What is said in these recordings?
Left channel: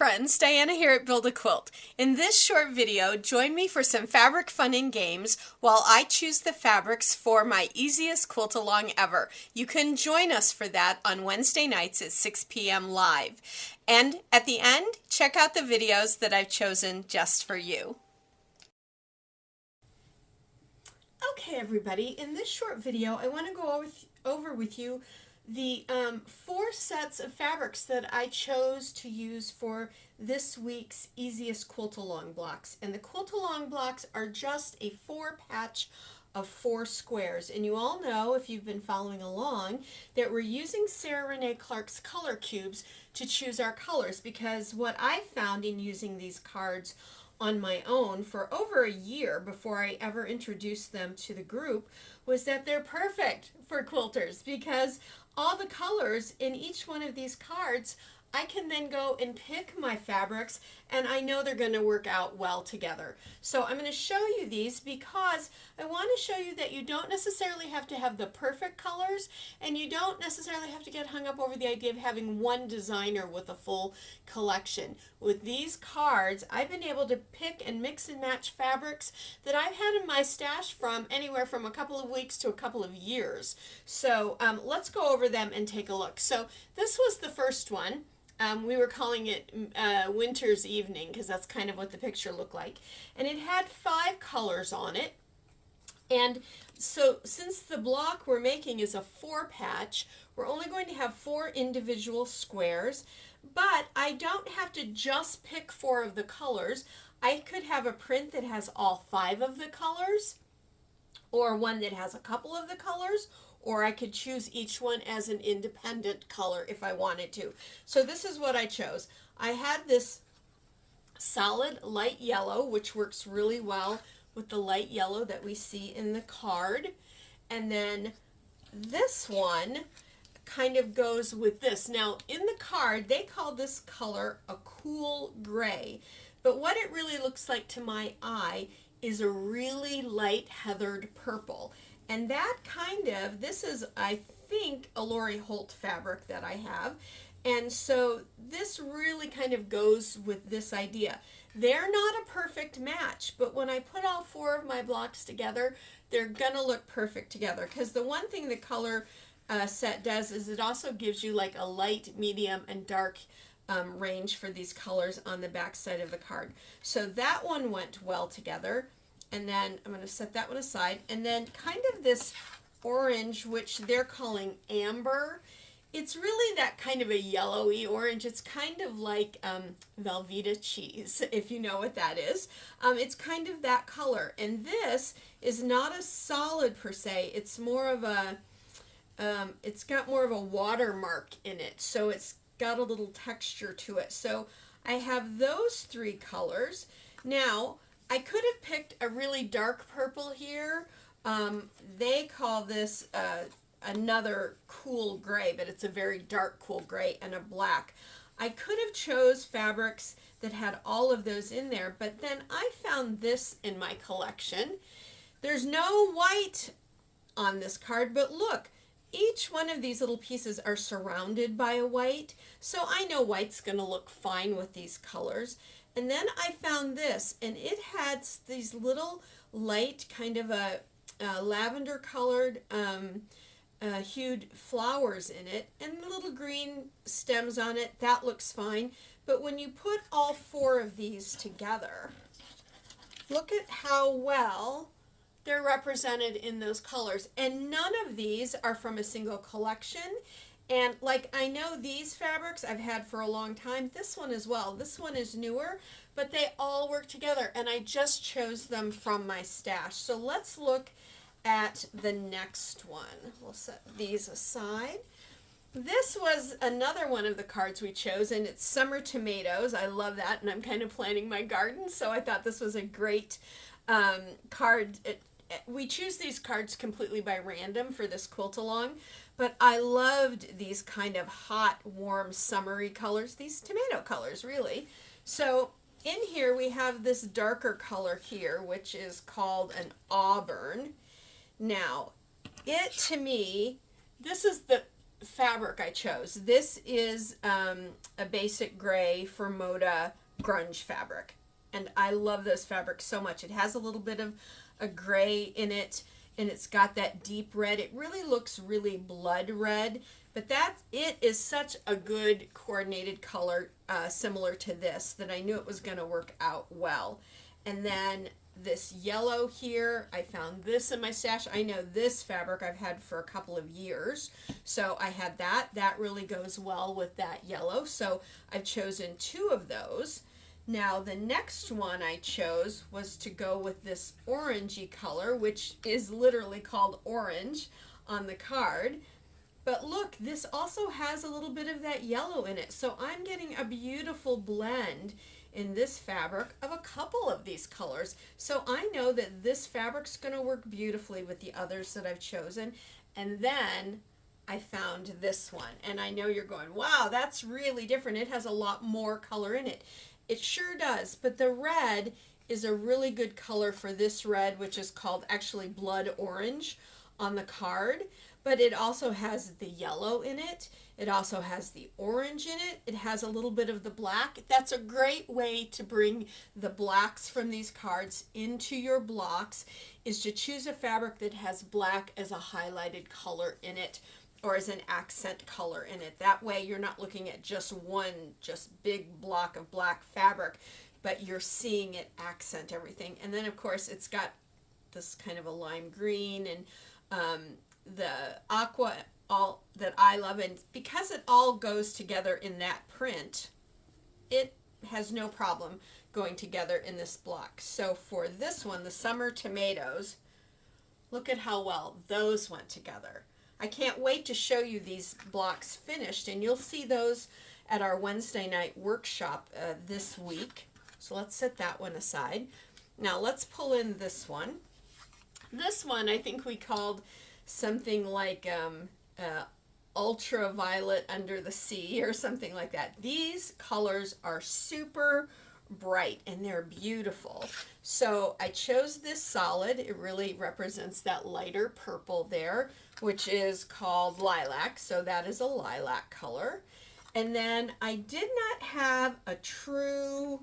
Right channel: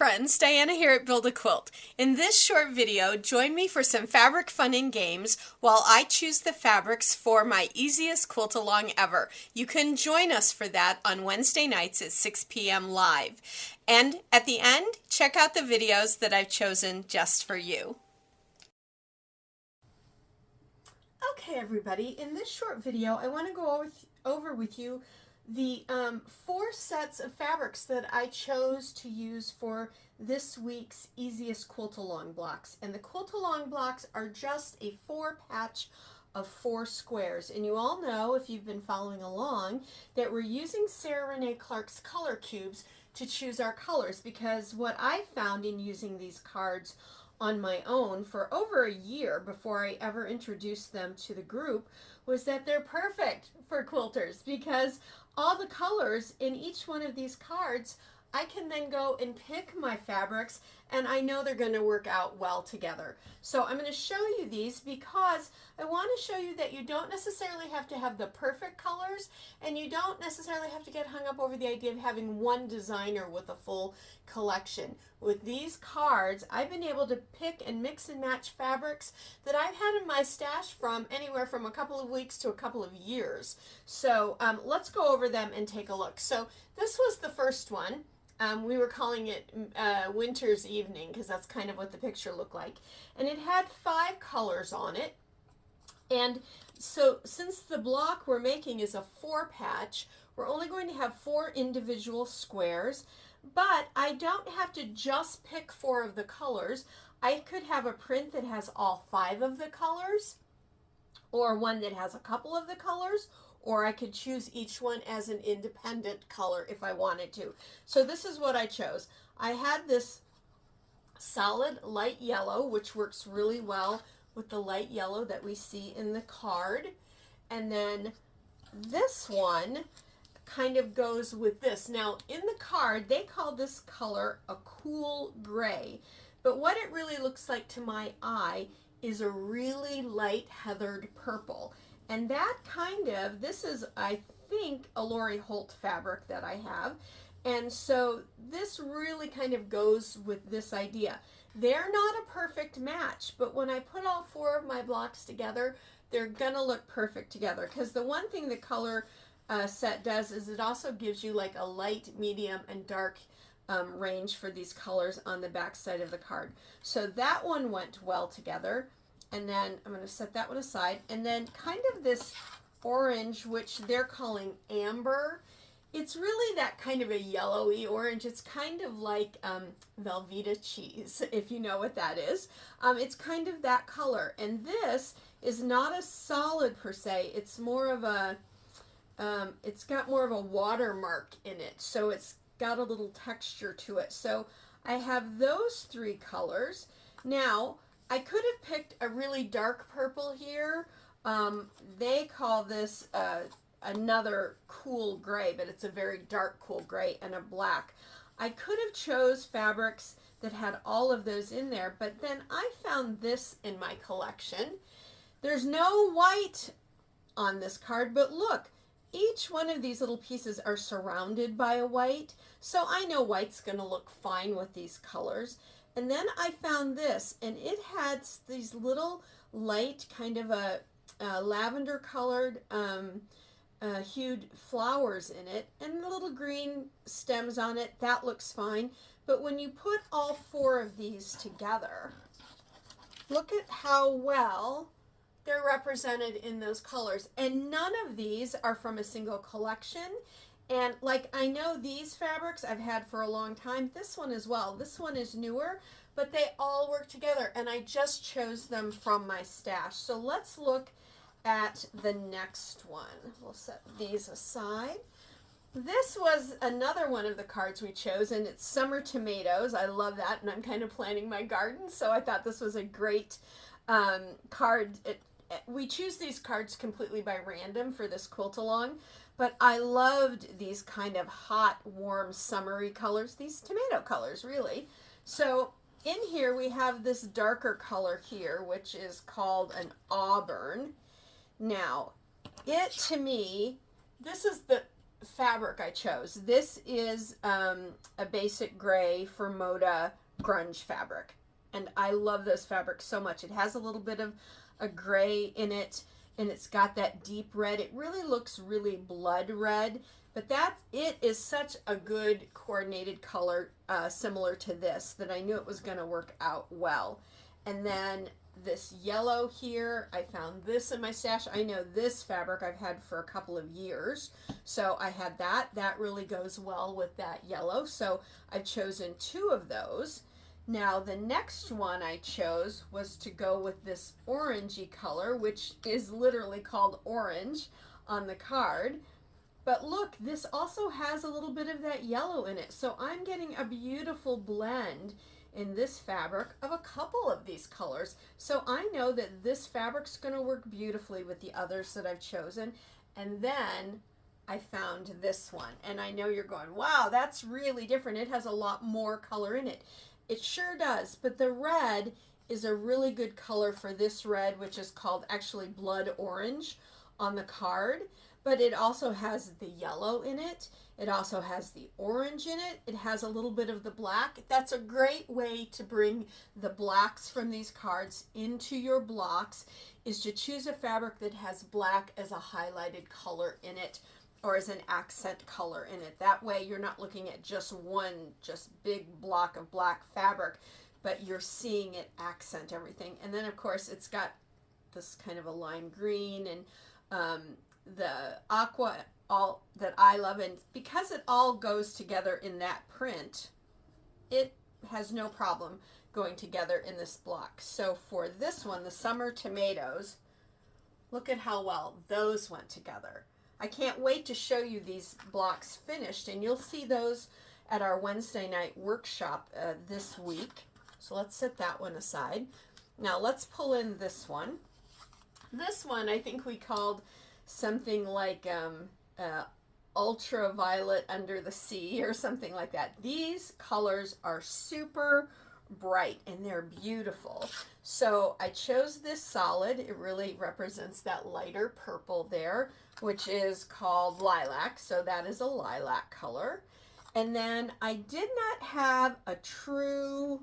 friends, Diana here at Build a Quilt. In this short video, join me for some fabric fun and games while I choose the fabrics for my easiest quilt along ever. You can join us for that on Wednesday nights at 6 p.m. live. And at the end, check out the videos that I've chosen just for you. Okay, everybody, in this short video, I want to go over with you the 4 sets of fabrics that I chose to use for this week's Easiest Quilt Along blocks. And the Quilt Along blocks are just a 4-patch of 4 squares. And you all know, if you've been following along, that we're using Sarah Renee Clark's color cubes to choose our colors, because what I found in using these cards on my own for over a year before I ever introduced them to the group was that they're perfect for quilters, because all the colors in each one of these cards, I can then go and pick my fabrics, and I know they're going to work out well together. So I'm going to show you these because I want to show you that you don't necessarily have to have the perfect colors, and you don't necessarily have to get hung up over the idea of having one designer with a full collection. With these cards, I've been able to pick and mix and match fabrics that I've had in my stash from anywhere from a couple of weeks to a couple of years. So let's go over them and take a look. So this was the first one. We were calling it Winter's Evening because that's kind of what the picture looked like. And it had 5 colors on it. And so since the block we're making is a 4-patch, we're only going to have 4 individual squares. But I don't have to just pick 4 of the colors. I could have a print that has all 5 of the colors, or one that has a couple of the colors, or I could choose each one as an independent color if I wanted to. So this is what I chose. I had this solid light yellow, which works really well with the light yellow that we see in the card. And then this one kind of goes with this. Now in the card, they call this color a cool gray, but what it really looks like to my eye is a really light heathered purple. And that kind of, this is, I think, a Lori Holt fabric that I have. And so this really kind of goes with this idea. They're not a perfect match, but when I put all 4 of my blocks together, they're gonna look perfect together. Because the one thing the color set does is it also gives you like a light, medium, and dark range for these colors on the back side of the card. So that one went well together. And then I'm going to set that one aside. And then kind of this orange, which they're calling amber. It's really that kind of a yellowy orange. It's kind of like Velveeta cheese, if you know what that is. It's kind of that color. And this is not a solid per se. It's more of a, it's got more of a watermark in it. So it's got a little texture to it. So I have those 3 colors. Now, I could have picked a really dark purple here. They call this another cool gray, but it's a very dark cool gray, and a black. I could have chose fabrics that had all of those in there, but then I found this in my collection. There's no white on this card, but look, each one of these little pieces are surrounded by a white, so I know white's going to look fine with these colors. And then I found this, and it had these little light, kind of a lavender colored hued flowers in it, and the little green stems on it. That looks fine. But when you put all 4 of these together, look at how well they're represented in those colors. And none of these are from a single collection. And like, I know these fabrics I've had for a long time, this one as well. This one is newer, but they all work together, and I just chose them from my stash. So let's look at the next one. We'll set these aside. This was another one of the cards we chose, and it's Summer Tomatoes. I love that, and I'm kind of planting my garden, so I thought this was a great card. We choose these cards completely by random for this quilt along. But I loved these kind of hot, warm, summery colors, these tomato colors, really. So in here we have this darker color here, which is called an auburn. Now, it, to me, this is fabric I chose. This is a basic gray for Moda grunge fabric. And I love those fabrics so much. It has a little bit of a gray in it, and it's got that deep red. It really looks really blood red, but it is such a good coordinated color, similar to this, that I knew it was going to work out well. And then this yellow here, I found this in my stash. I know this fabric I've had for a couple of years, so I had that. That really goes well with that yellow, so I've chosen 2 of those. Now the next one I chose was to go with this orangey color, which is literally called orange on the card. But look, this also has a little bit of that yellow in it. So I'm getting a beautiful blend in this fabric of a couple of these colors. So I know that this fabric's going to work beautifully with the others that I've chosen. And then I found this one. And I know you're going, wow, that's really different. It has a lot more color in it. It sure does, but the red is a really good color for this red, which is called actually blood orange on the card, but it also has the yellow in it. It also has the orange in it. It has a little bit of the black. That's a great way to bring the blacks from these cards into your blocks, is to choose a fabric that has black as a highlighted color in it, or as an accent color in it. That way you're not looking at just one big block of black fabric, but you're seeing it accent everything. And then of course it's got this kind of a lime green and the aqua, all that I love. And because it all goes together in that print, it has no problem going together in this block. So for this one, the summer tomatoes, look at how well those went together. I can't wait to show you these blocks finished, and you'll see those at our Wednesday night workshop this week. So let's set that one aside. Now let's pull in this one. This one I think we called something like Ultraviolet under the sea or something like that. These colors are super bright and they're beautiful. So I chose this solid. It really represents that lighter purple there, which is called lilac. So that is a lilac color. And then I did not have a true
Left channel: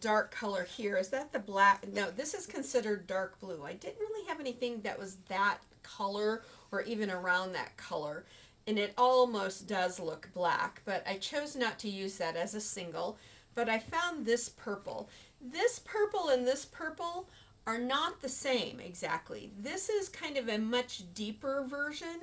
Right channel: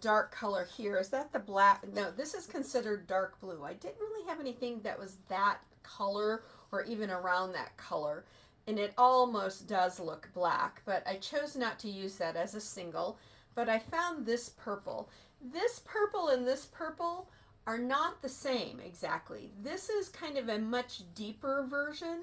dark color here. Is that the black? No, this is considered dark blue. I didn't really have anything that was that color or even around that color. And it almost does look black, but I chose not to use that as a single. But I found this purple. This purple and this purple are not the same exactly. This is kind of a much deeper version,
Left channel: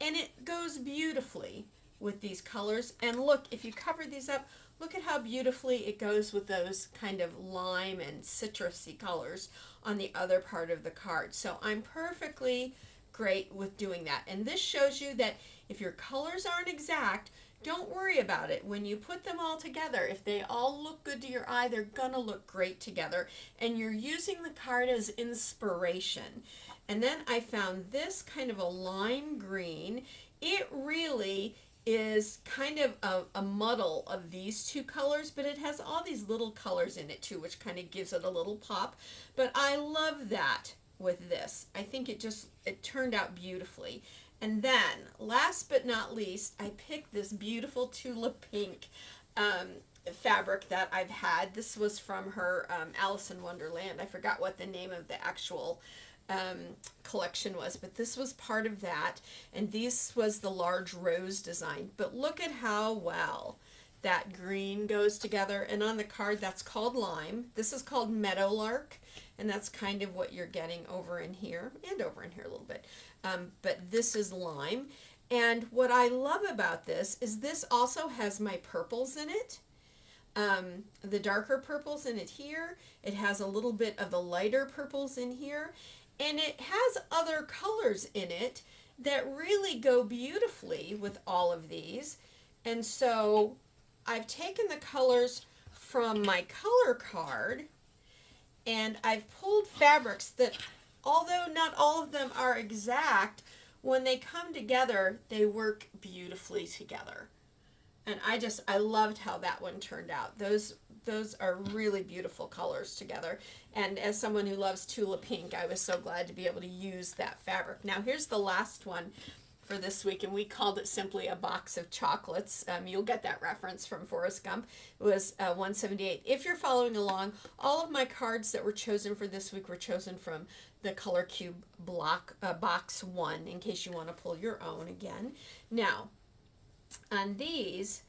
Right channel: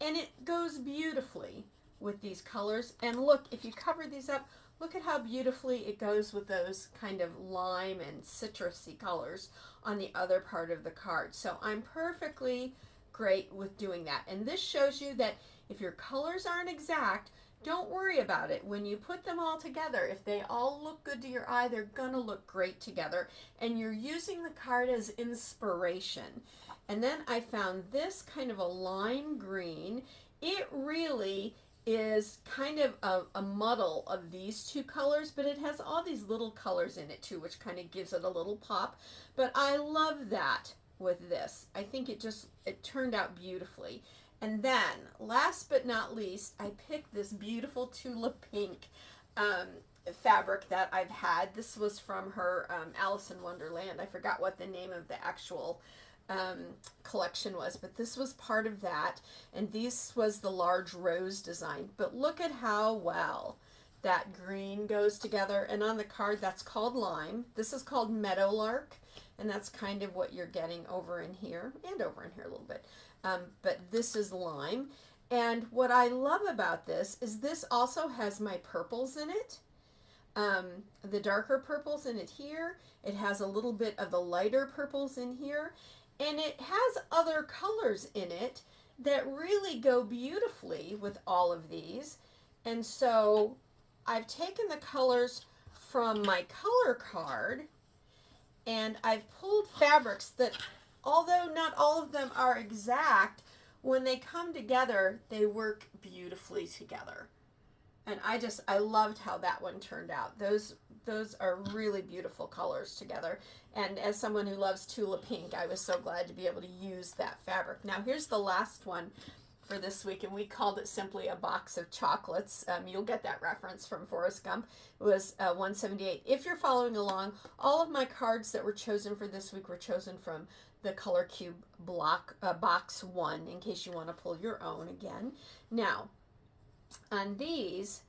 and it goes beautifully with these colors. And look, if you cover these up, look at how beautifully it goes with those kind of lime and citrusy colors on the other part of the card. So I'm perfectly great with doing that. And this shows you that if your colors aren't exact, don't worry about it. When you put them all together, if they all look good to your eye, they're gonna look great together. And you're using the card as inspiration. And then I found this kind of a lime green. It really is kind of a muddle of these two colors, but it has all these little colors in it too, which kind of gives it a little pop. But I love that with this. I think it turned out beautifully. And then, last but not least, I picked this beautiful tulip pink fabric that I've had. This was from her Alice in Wonderland. I forgot what the name of the actual collection was, but this was part of that. And this was the large rose design. But look at how well that green goes together. And on the card, that's called lime. This is called meadowlark. And that's kind of what you're getting over in here and over in here a little bit. But this is lime. And what I love about this is this also has my purples in it. The darker purples in it here. It has a little bit of the lighter purples in here. And it has other colors in it that really go beautifully with all of these. And so I've taken the colors from my color card and I've pulled fabrics that, although not all of them are exact, when they come together, they work beautifully together. And I loved how that one turned out. Those are really beautiful colors together. And as someone who loves tulip pink, I was so glad to be able to use that fabric. Now here's the last one for this week, and we called it simply a box of chocolates. You'll get that reference from Forrest Gump. It was 178. If you're following along, all of my cards that were chosen for this week were chosen from the Color Cube block, box 1, in case you want to pull your own again. Now, on these,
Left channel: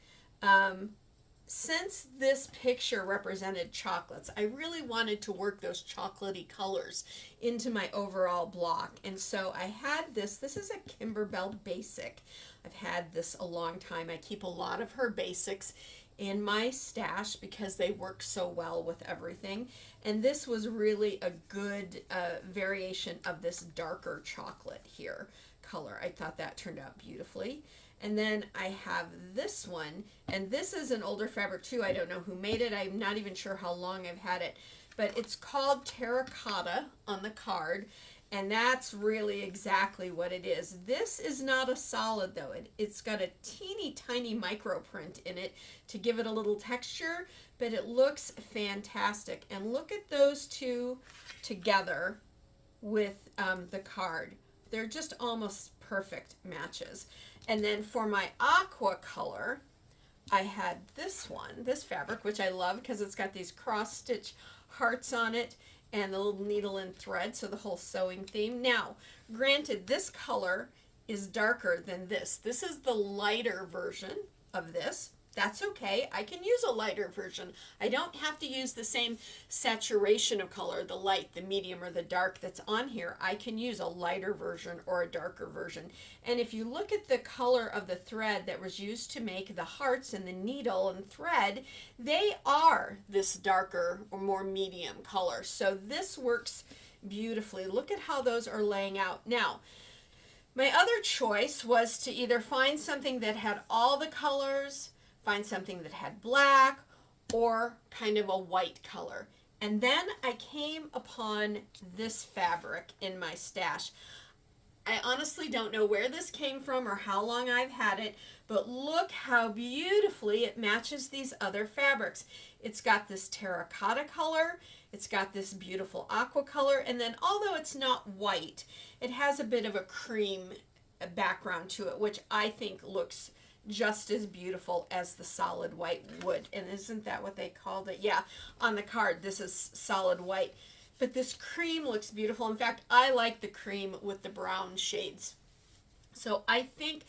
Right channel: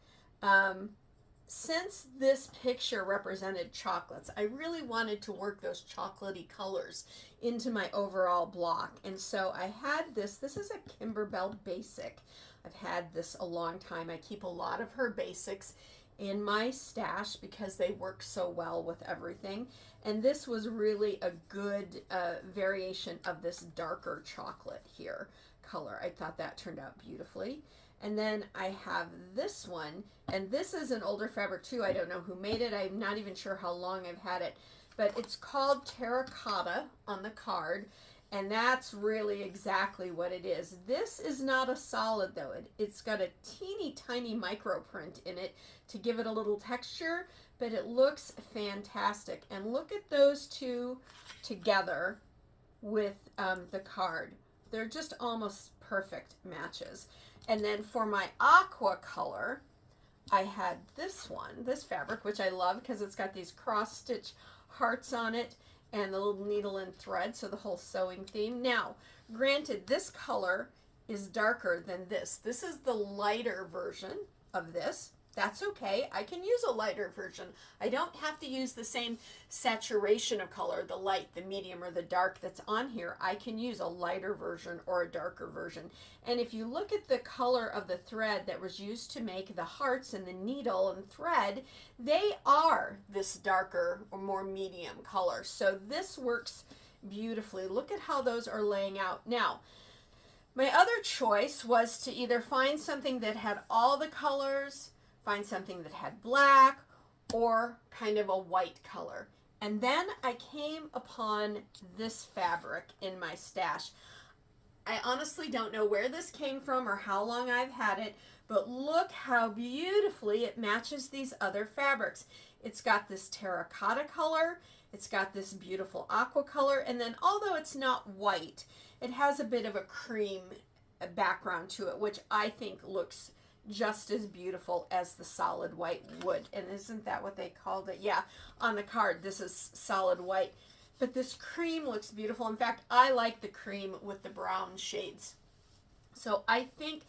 since this picture represented chocolates, I really wanted to work those chocolatey colors into my overall block. And so I had this. This is a Kimberbell Basic. I've had this a long time. I keep a lot of her basics in my stash because they work so well with everything. And this was really a good variation of this darker chocolate here color. I thought that turned out beautifully. And then I have this one, and this is an older fabric too. I don't know who made it. I'm not even sure how long I've had it, but it's called Terracotta on the card, and that's really exactly what it is. This is not a solid though. It's got a teeny tiny micro print in it to give it a little texture, but it looks fantastic. And look at those two together with the card. They're just almost perfect matches. And then for my aqua color, I had this one, this fabric, which I love because it's got these cross stitch hearts on it and the little needle and thread, so the whole sewing theme. Now, granted, this color is darker than this. This is the lighter version of this. That's okay. I can use a lighter version. I don't have to use the same saturation of color, the light, the medium, or the dark that's on here. I can use a lighter version or a darker version. And if you look at the color of the thread that was used to make the hearts and the needle and thread, they are this darker or more medium color. So this works beautifully. Look at how those are laying out. Now, my other choice was to either find something that had all the colors, find something that had black, or kind of a white color. And then I came upon this fabric in my stash. I honestly don't know where this came from or how long I've had it, but look how beautifully it matches these other fabrics. It's got this terracotta color, it's got this beautiful aqua color, and then although it's not white, it has a bit of a cream background to it, which I think looks just as beautiful as the solid white would. And isn't that what they called it? Yeah, on the card, this is solid white. But this cream looks beautiful. In fact, I like the cream with the brown shades. So I think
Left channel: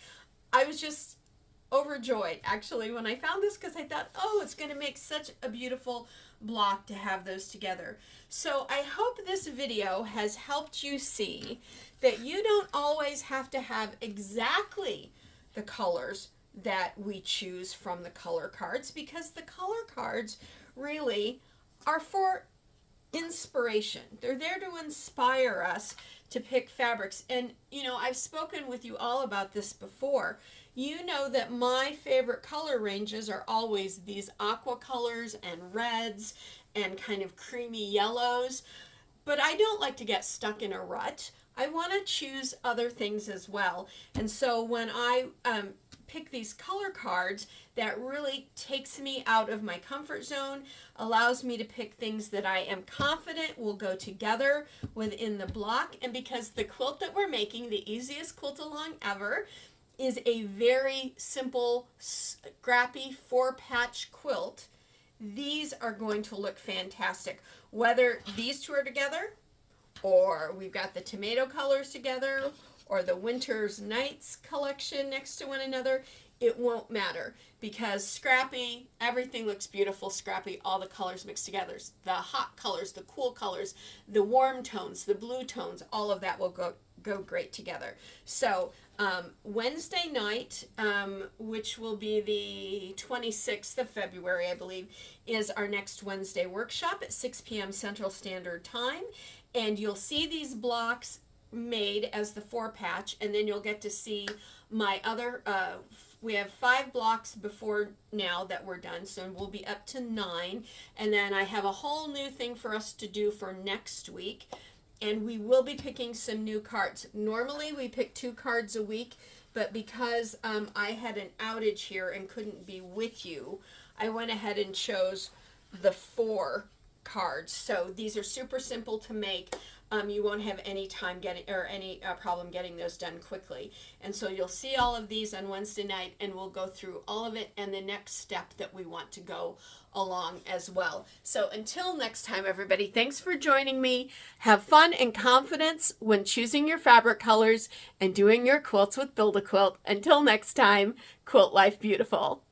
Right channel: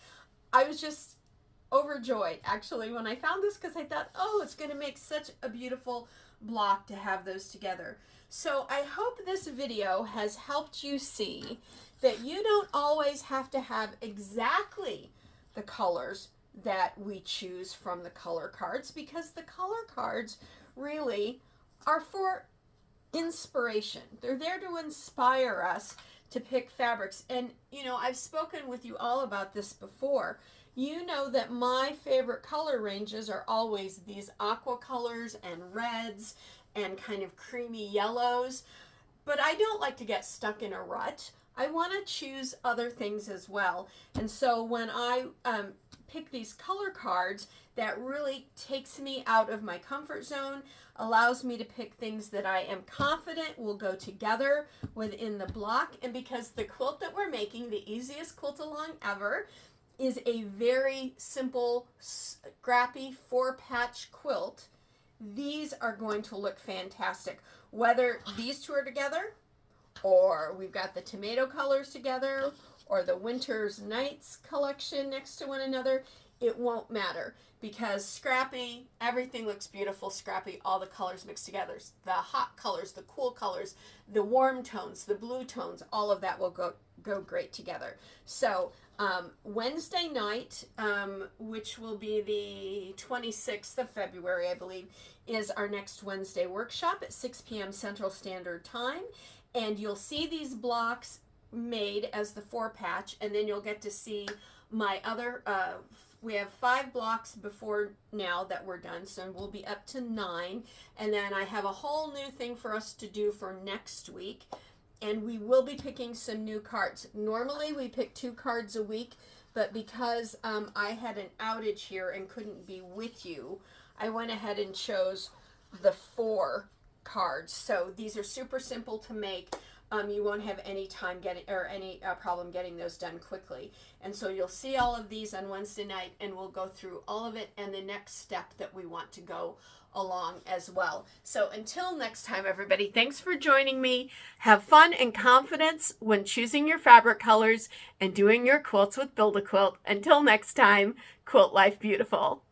I was just overjoyed, actually, when I found this, because I thought, oh, it's going to make such a beautiful block to have those together. So I hope this video has helped you see that you don't always have to have exactly the colors that we choose from the color cards, because the color cards really are for inspiration. They're there to inspire us to pick fabrics. And you know, I've spoken with you all about this before. You know that my favorite color ranges are always these aqua colors and reds and kind of creamy yellows, but I don't like to get stuck in a rut. I want to choose other things as well. And so when I pick these color cards, that really takes me out of my comfort zone, allows me to pick things that I am confident will go together within the block. And because the quilt that we're making, the Easiest Quilt Along ever, is a very simple, scrappy 4-patch quilt, these are going to look fantastic. Whether these two are together, or we've got the tomato colors together, or the Winter's Nights collection next to one another, it won't matter, because scrappy, everything looks beautiful scrappy, all the colors mixed together. The hot colors, the cool colors, the warm tones, the blue tones, all of that will go great together. So Wednesday night, which will be the 26th of February, I believe, is our next Wednesday workshop at 6 p.m. Central Standard Time. And you'll see these blocks made as the 4-patch, and then you'll get to see my other, we have 5 blocks before now that we're done, so we'll be up to 9. And then I have a whole new thing for us to do for next week, and we will be picking some new cards. Normally we pick 2 cards a week, but because I had an outage here and couldn't be with you, I went ahead and chose the 4 cards. So these are super simple to make. you won't have any time getting or any problem getting those done quickly. And so you'll see all of these on Wednesday night, and we'll go through all of it and the next step that we want to go along as well. So until next time, everybody, thanks for joining me. Have fun and confidence when choosing your fabric colors and doing your quilts with Build A Quilt. Until next time, quilt life beautiful.